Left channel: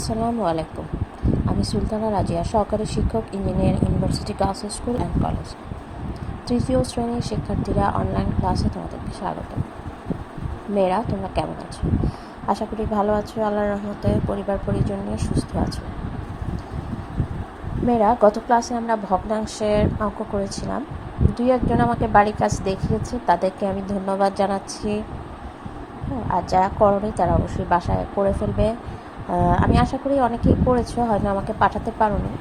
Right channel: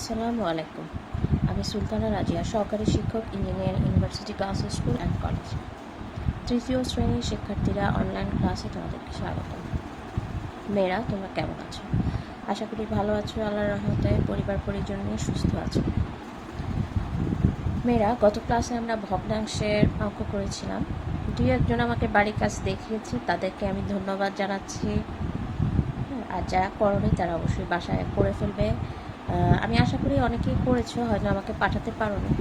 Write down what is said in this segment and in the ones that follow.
আসসালামু আলাইকুম। আমি সুলতানা রাজিয়া, সহকারী শিক্ষক, engineering university girls school and college. তৃতীয় শ্রেণীর শিক্ষার্থীরা অনলাইন ক্লাসে তোমাদেরকে স্বাগত। মেয়েরা, তোমরা কেমন আছো? আশা করি ভালো আছো, আল্লাহর রহমতে পরিবার পরিজন নিয়ে সুস্থ আছো। মেয়েরা, গত ক্লাসে আমরা ভগ্নাংশের অঙ্ক করেছিলাম। দুই একজন আমাকে বাড়ির কাজ দেখিয়েছে, তাদেরকে আমি ধন্যবাদ জানাচ্ছি। আর যারা করনি তারা অবশ্যই বাসায় করে ফেলবে। আমি আশা করি অনেকেই করেছো, হয়তো আমাকে পাঠাতে পারোনি,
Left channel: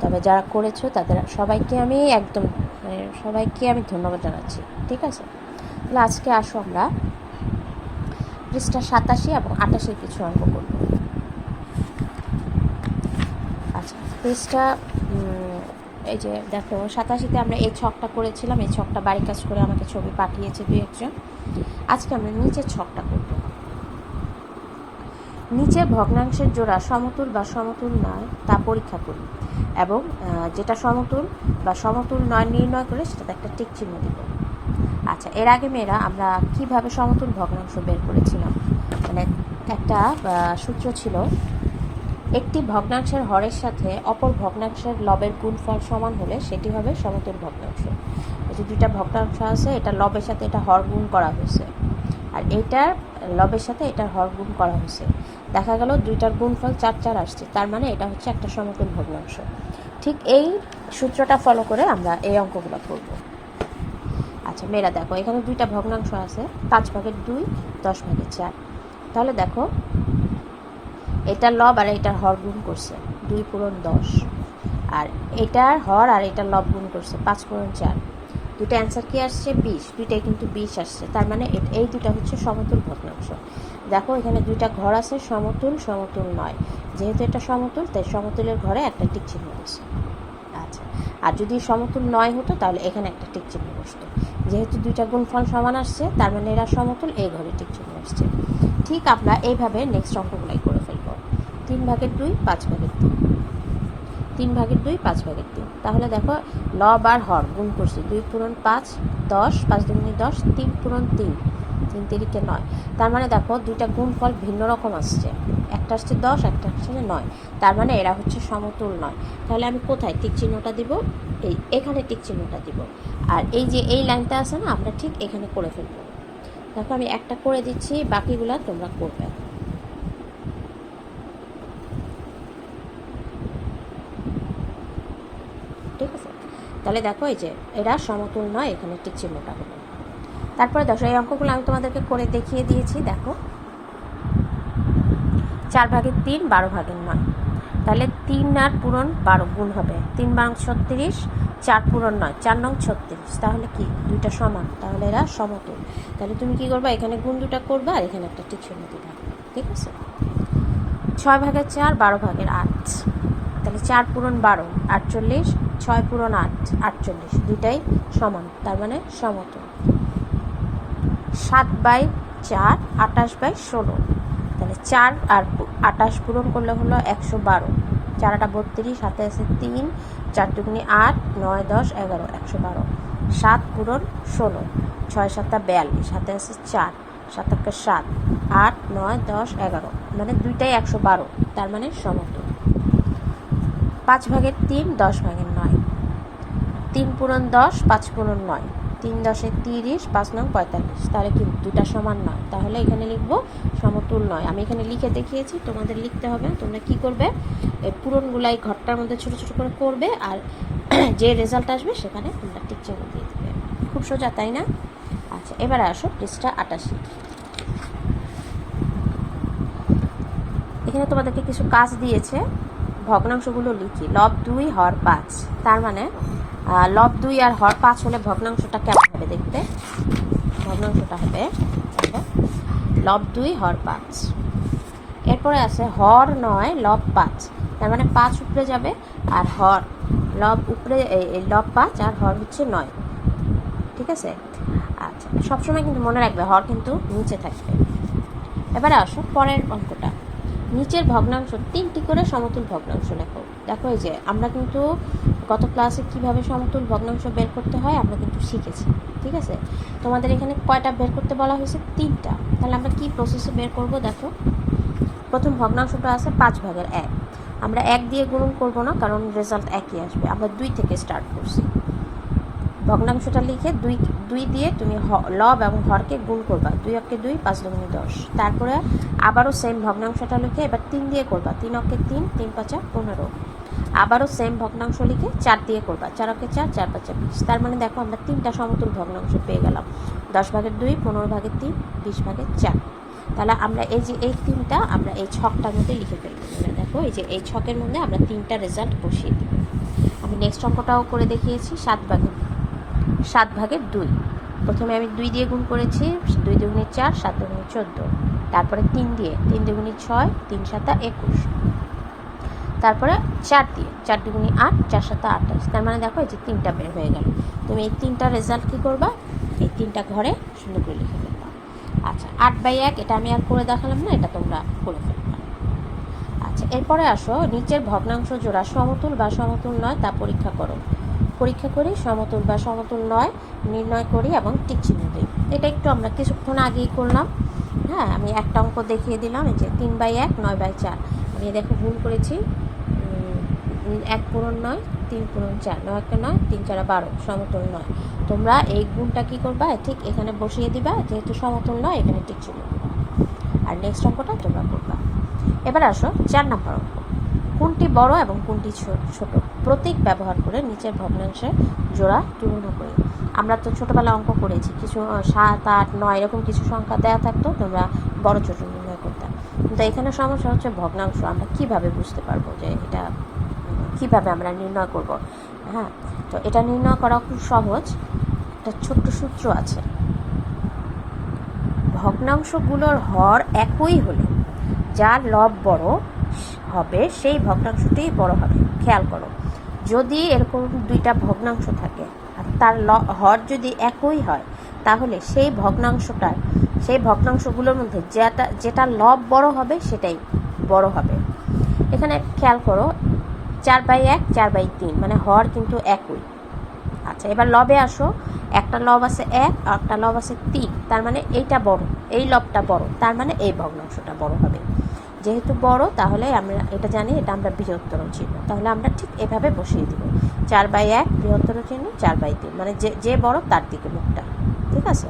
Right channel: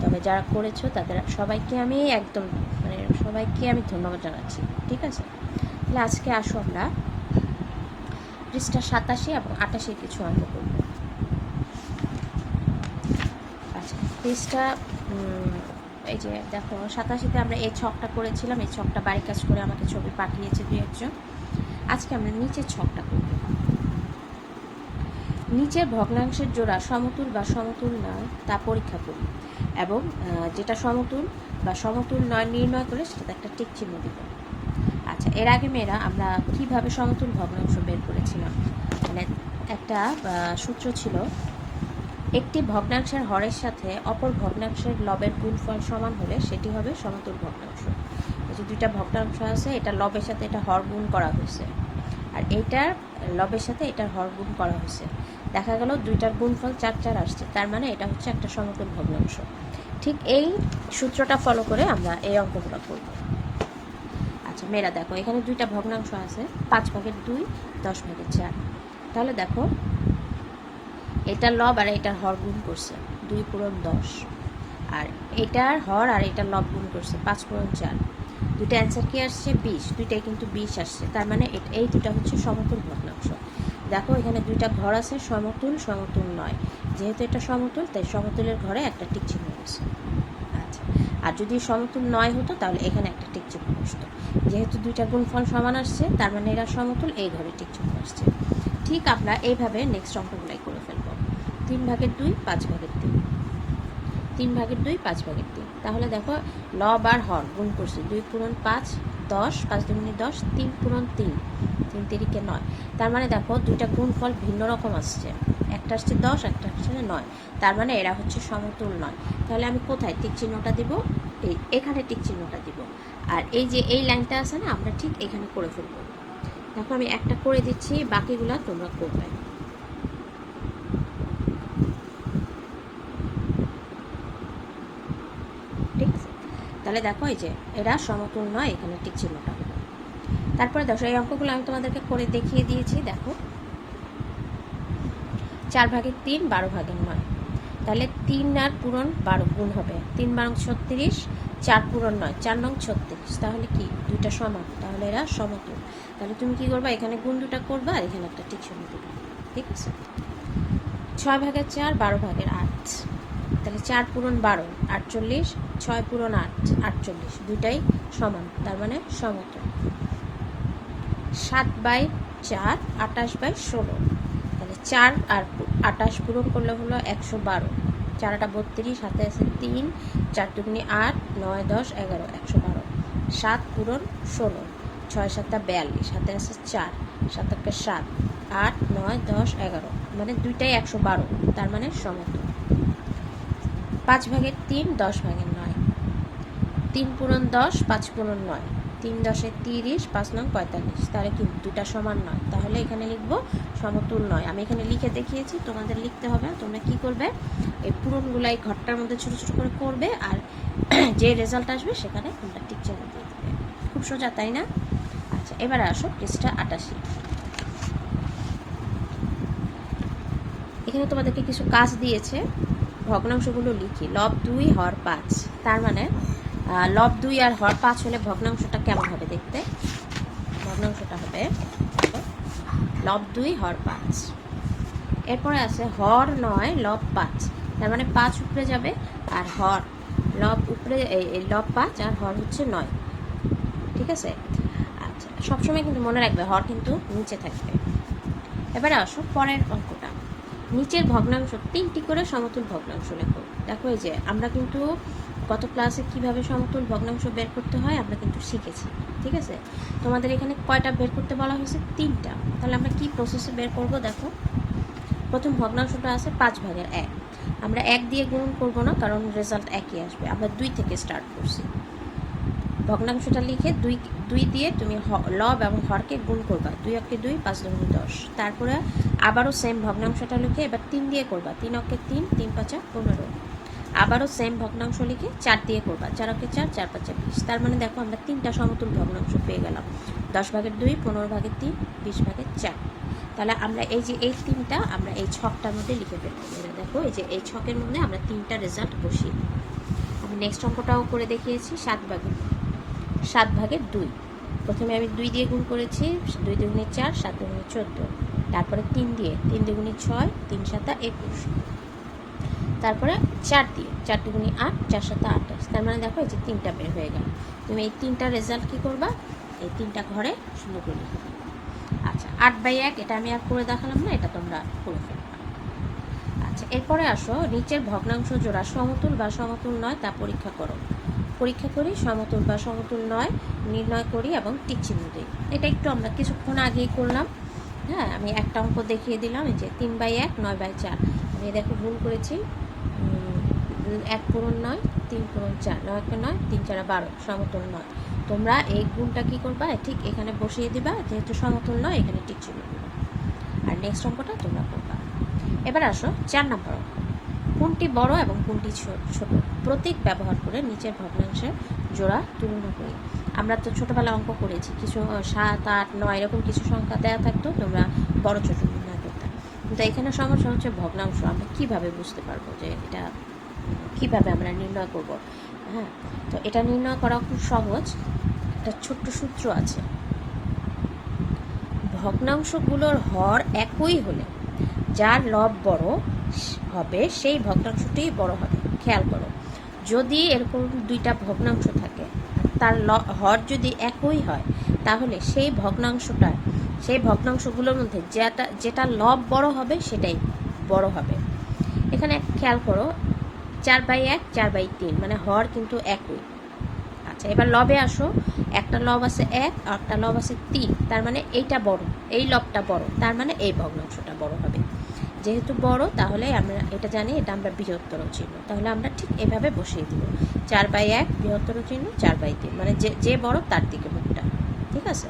তবে যারা করেছো তাদের সবাইকে আমি সবাইকে আমি ধন্যবাদ জানাচ্ছি। ঠিক আছে, তাহলে আজকে আসো আমরা পৃষ্ঠা 87 এবং 88 কিছু অঙ্ক করব। আচ্ছা, পৃষ্ঠা এই যে দেখো 87তে আমরা এই ছকটা করেছিলাম। এই ছকটা বাড়ির কাজ করে আমাকে ছবি পাঠিয়েছে দুই একজন। আজকে আমরা নিচের ছকটা করব। নিচের ভগ্নাংশের জোড়া সমতুল বা সমতুল নয় তা পরীক্ষা করি এবং যেটা সমতুল বা সমতুল নয় নির্ণয় করে সেটাতে একটা টিক চিহ্ন দিব। আচ্ছা, এর আগে মেয়েরা আমরা কিভাবে সমতুল ভগ্নাংশ বের করেছিলাম, মানে একটা সূত্র ছিল, একটি ভগ্নাংশের হরের সাথে অপর ভগ্নাংশের লবের গুণফল সমান হলে সেটি হবে সমতুল ভগ্নাংশ। এই যে দুইটা ভগ্নাংশ আছে, এটা লবের সাথে এটা হর গুণ করা হয়েছে, আর এইটার লবের সাথে এটার হর গুণ করা হয়েছে। দেখা গেল দুইটার গুণফল 4 আসছে, তার মানে এটা হচ্ছে একটা সমতুল ভগ্নাংশ। ঠিক এই সূত্রটা ফলো করে আমরা এই অঙ্কগুলো করব। আচ্ছা মেয়েরা দেখো, এখানে দুইটা ভগ্নাংশ আছে, 5/2, 10/4। তাহলে দেখো এটার লব আর এটার হর গুণ করছে 2 পূরণ 10, আর এটার হর আর এটার লব গুণ করছে 5 পূরণ 4। দুইটা অ্যান্সার কি আসছে? 20। দুইটাই কিন্তু 20 আসছে, তার মানে এই দুইটা হচ্ছে সমতুল ভগ্নাংশ। দেখো এখানে দুইটা ঘর আছে, সমতুল সমতুল নয়। যেহেতু এটা সমতুল, তাই সমতুলের ঘরে একটা টিক চিহ্ন বসছে। আচ্ছা, আর যদি সমতুল নয় হতো তাহলে এখানে একটা টিক চিহ্ন বসতো। যেহেতু দুইটা গুণফল সমান আসছে, তার মানে এরা সমতুল, এই ঘরে টিক চিহ্ন আসছে। ঠিক আমরা এইভাবে নেক্সট অঙ্কগুলাই করে ফেলবো। 3/2, 5/3, 3/2, 5/3। তাহলে দেখো লব আর হর গুণ করছে 2 পূরণ 5, 10, 5 দুগুণে 10, 3 পূরণ 3, 3 তিরিকে 9। তার মানে দেখো দুইটা গুণফল ভিন্ন রকম আসছে, একটা আসছে 10, একটা আসছে 9, তার মানে এরা হচ্ছে সমতুল নয়। তাহলে আমি কোথায় টিক চিহ্নটা দিব? এখানে টিক চিহ্নটা দিব। আর এই যে এই লাইনটা আছে না, আমরা ঠিক এখানে করে ফেলবো। দেখো আমি একটা করে দিচ্ছি, বাকিগুলা তোমরা করবে। ঠিক আছে, তাহলে দেখো এই যে এরা সমতুল নয়, এখানে টিক চিহ্নটা হলো। তারপরে দেখো এই অঙ্কগুলো আমি তোমাদেরকে করে দেখিয়ে দিয়েছি। দেখো 4/3, 12/9। তাহলে 3 আর পূরণ 12 গুণ হবে 3 বারং 36, 4 পূরণ 9, 4 নং 36। তাহলে কি দুইটা সমান, তাহলে এরা সমতুল। তাহলে তুমি কি করবা, এখানে গুণ দুটা করবা আর এখানে একটা টিক চিহ্ন দিবা। ঠিক আছে, 6/4, 12/8। তাহলে 4 পূরণ 12, 48, 6 পূরণ 8, 48। দুইটাই সমান, তার মানে সমতুল। 7/4, 28/16। তাহলে 4 আর 28 পূরণ করলে হলো 112। 4 8 32, হাতে আছে 3, 4 দুগুণে 8, 9 10 11, 112। 7 পূরণ 16, 6 7 42, হাতে আছে 4, 7 1 7, 8 9 10 11, মানে দুইটাই 112, তার মানে সমতুল। 5/3, 10/9। 3 পূরণ 10, 5 পূরণ 9, 3 10 30, 5 নং 45। তাহলে কিন্তু দুটা সমান নয়, তাহলে এখানে লিখবো সমতুল নয়। আমি এখানে লিখে দেখিয়েছি, তোমাদের লিখতে হবে। তোমরা কি করবে, এই পূরণগুলাই ঘরটার মধ্যে ছোট ছোট করে করবে, আর যে রেজাল্ট আসবে সেখানে তোমরা টিক চিহ্ন দিয়ে দেবে। খুব সোজা, তাই না? আচ্ছা, এবারে আসো পৃষ্ঠা 88। এখানে তোমাদেরকে কিছু কাজ দিয়েছে, ভগ্নাংশগুলো লিখি। লব 2, হর 5। তার মানে লব 2 আর হর 5 হলে ভগ্নাংশটা কেমন হবে দেখতে? ভগ্নাংশটা হবে দেখো, লব 2, হর 5। এরপরে আছে হর 9, লব 5। তার মানে 5 উপরে যাবে আর হর লব উপরে, লব 5 আর হর হচ্ছে 9। ঠিক আছে, আচ্ছা সবসময় কিন্তু মনে রাখবে হর কিন্তু নিচে থাকবে। এবারে আসো পরের অঙ্কটা। নিচের ভগ্নাংশ 3টি করে সমতুল ভগ্নাংশ লেখো। দেখো এই যে আমরা কিন্তু গত ক্লাসে কিভাবে সমতুল ভগ্নাংশ বের করতে হয় আমরা কিন্তু শিখেছি। ঠিক আছে, তোমাদের এখানে কয়টা বের করতে বলা হয়েছে? 3টা। তাহলে আমরা কি প্রসেসে বের করব? দেখো প্রথম ভগ্নাংশটা আছে 5/1। আমরা 1 দিয়ে গুণন করব না, কারণ রেজাল্ট একই আসবে। আমরা 2 থেকে স্টার্ট করছি। ভগ্নাংশটা লিখে 2 দিয়ে তুমি লব এবং হরকে গুণ করবা। 2 অক্ষে 2, 5 দুগুণে 10। তারপরে আবারও সেম ভগ্নাংশটা লিখে এবার 3 দিয়ে করবা। 3 অক্ষে 3, 3 5 15। আবারও সেম ভগ্নাংশ লিখে 4 দিয়ে করবা। 4 অক্ষে 4, 4 5 20। তার মানে দেখো আমরা 3টা সমতুল ভগ্নাংশ পেয়ে গেলাম। 10/2, 15/3, 20/4। তাহলে আমরা এই যে এই 3টা আমরা এই ছকটার মধ্যে লিখে ফেলবো। দেখো এই যে এই ছকের মধ্যে আমরা 3টা রেজাল্ট বসিয়ে দিব। আমি নেক্সট অঙ্কটাও করে দেখিয়েছি। 7/2। প্রথমে আমি 2 দিয়ে গুণ করেছি। 2 দুগুণে 4, 7 দুগুণে 14। তারপরে 3 দিয়ে, 3 দুগুণে 6, 3 7 21। তারপরে 4 দিয়ে, 4 দুগুণে 8, 4 7 28। তার মানে দেখো এই যে 3টা বের হয়ে গেল। তুমি এই 3টা রেজাল্ট কী করবা? এই 3টা ঘরে শূন্য করে লিখে ফেলবা। আচ্ছা, 8/1 এটা আমি আর করে দেখালাম না, এটা তোমরা করে ফেলবা। আচ্ছা, এরপরে আসো, নিচের ভগ্নাংশ জোড়া সমতুল বা সমতুল নয় তা পরীক্ষা করো। পরীক্ষা করি, সমতুল বা সমতুল নয় নির্ণয় করি এবং টিক চিহ্ন দিই। এটা একটু আমরা কিছুক্ষণ আগেই করলাম। হ্যাঁ, আমি একটা অঙ্ক দেখিয়ে দিলাম। এই যে 3/1, 9/4। আমি দেখো ভুল করেছি। 1 পূরণ 9, 3 পূরণ 4, 9 1 9, 3 4 12, সমতুল নয়। তোমরা এই গুণটা কি করবা? ঠিক এখানে বসিয়ে দিবা, যেহেতু সমতুল নয় এখানে টিক চিহ্ন দিবা। আর নেক্সট অঙ্কটা তোমরা করবা। এবার আসো 4 নম্বর অঙ্ক। কোনটি বড় এবং কোনটি ছোট? প্রতীক ব্যবহার করে নিচের ভগ্নাংশের জোড়া তুলনা করি। আমরা তো ছোটোবেলা অঙ্ক করেছি, কিছু 7 8 9 এরকম কিছু সংখ্যা দেওয়া থাকতো, তোমরা বড় ছোট নির্ণয় করতে। কিন্তু এখানে সমস্যা হচ্ছে ভগ্নাংশ। আমরা কিভাবে বুঝতে পারবো যে এটা কিভাবে আমরা নির্ণয় করব? হ্যাঁ, তো এটা নির্ণয় করা খুব সহজ। একটা ছোট্ট সূত্র আছে। ভগ্নাংশগুলোর হর একই হলে যার লব বড় হবে সেই ভগ্নাংশটি বড় হবে। খেয়াল করো, যদি এরকম 2টা ভগ্নাংশ থাকে আর তার হর যদি একই হয়, তাহলে সেই ভগ্নাংশগুলোর মধ্যে যেটা লব বড় হবে সেটাই বড় হবে। এখানে খেয়াল করো, 4/1, 4/3, মানে হর কিন্তু একই। আচ্ছা, এবার লবে আসো। একটা লব আছে 1 আর একটা লব আছে 3। তার মানে এইটা বড়, এই লবটা বড়, তার মানে এই ভগ্নাংশটা বড় হবে। যেহেতু বড়, তাহলে আমরা এটা জানি, এটা আমরা বৃহত্তর চিহ্ন। তাহলে আমরা ঠিক এভাবে বসিয়ে দিব। 4/1 বৃহত্তর চিহ্ন, 4/3 মানে যে বড় তার দিকে মুখটা। ঠিক আছে?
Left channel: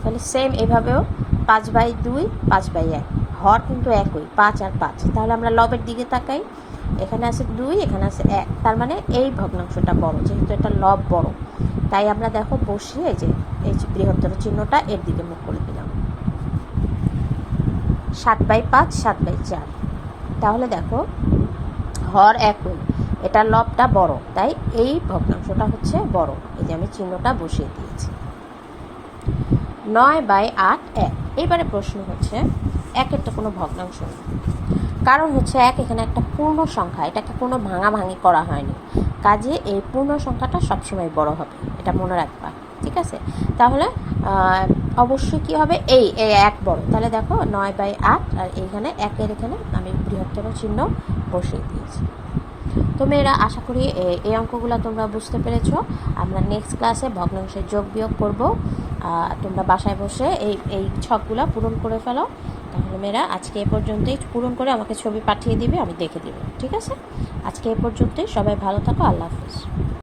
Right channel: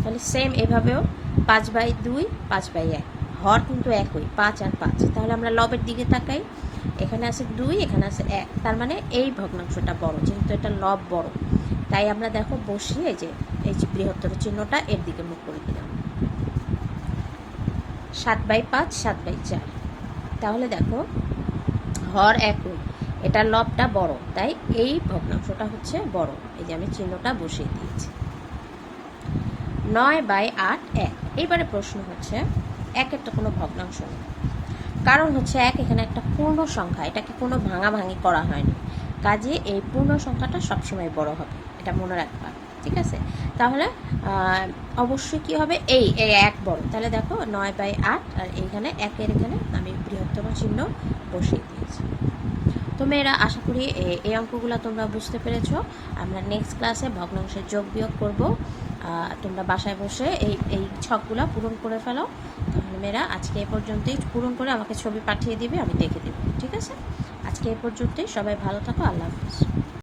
তাহলে সেম এভাবেও 5/2, 5/1, হর কিন্তু একই, 5 আর 5। তাহলে আমরা লবের দিকে তাকাই। এখানে আছে 2, এখানে আছে 1। তার মানে এই ভগ্নাংশটা বড়, যেহেতু এটা লব বড়। তাই আমরা দেখো বসিয়ে এই যে বৃহত্তর চিহ্নটা এর দিকে মুখ করে দিলাম। 7/5, 7/4। তাহলে দেখো হর একই, এটা লবটা বড়, তাই এই ভগ্নাংশটা হচ্ছে বড়। এই যে আমি চিহ্নটা বসিয়ে দিয়েছি। 9/8, 1। এইবারে প্রশ্ন হচ্ছে 1-এর তো কোনো ভগ্নাংশ নেই, কারণ হচ্ছে 1 এখানে একটা পূর্ণ সংখ্যা, এটাকে কোনো ভাঙাভাঙি করা হয়নি। কাজে এই পূর্ণ সংখ্যাটা সবসময় বড় হবে, এটা মনে রাখবা। ঠিক আছে? তাহলে অবশ্যই কি হবে, এই 1 বড়। তাহলে দেখো 9/8 আর এইখানে 1-এর এখানে আমি বৃহত্তর চিহ্ন বসিয়ে দিয়েছি। তো মেয়েরা, আশা করি এই অঙ্কগুলো তোমরা বুঝতে পেরেছো। আমরা নেক্সট ক্লাসে ভগ্নাংশের যোগ বিয়োগ করব। তোমরা বাসায় বসে এই ছকগুলো পূরণ করে ফেলো। তাহলে মেয়েরা, আজকে এ পর্যন্তই। পূরণ করে আমাকে ছবি পাঠিয়ে দিবে, আমি দেখে দেবো। ঠিক আছে? আজকে এ পর্যন্তই। সবাই ভালো থাকো। আল্লাহ হাফেজ।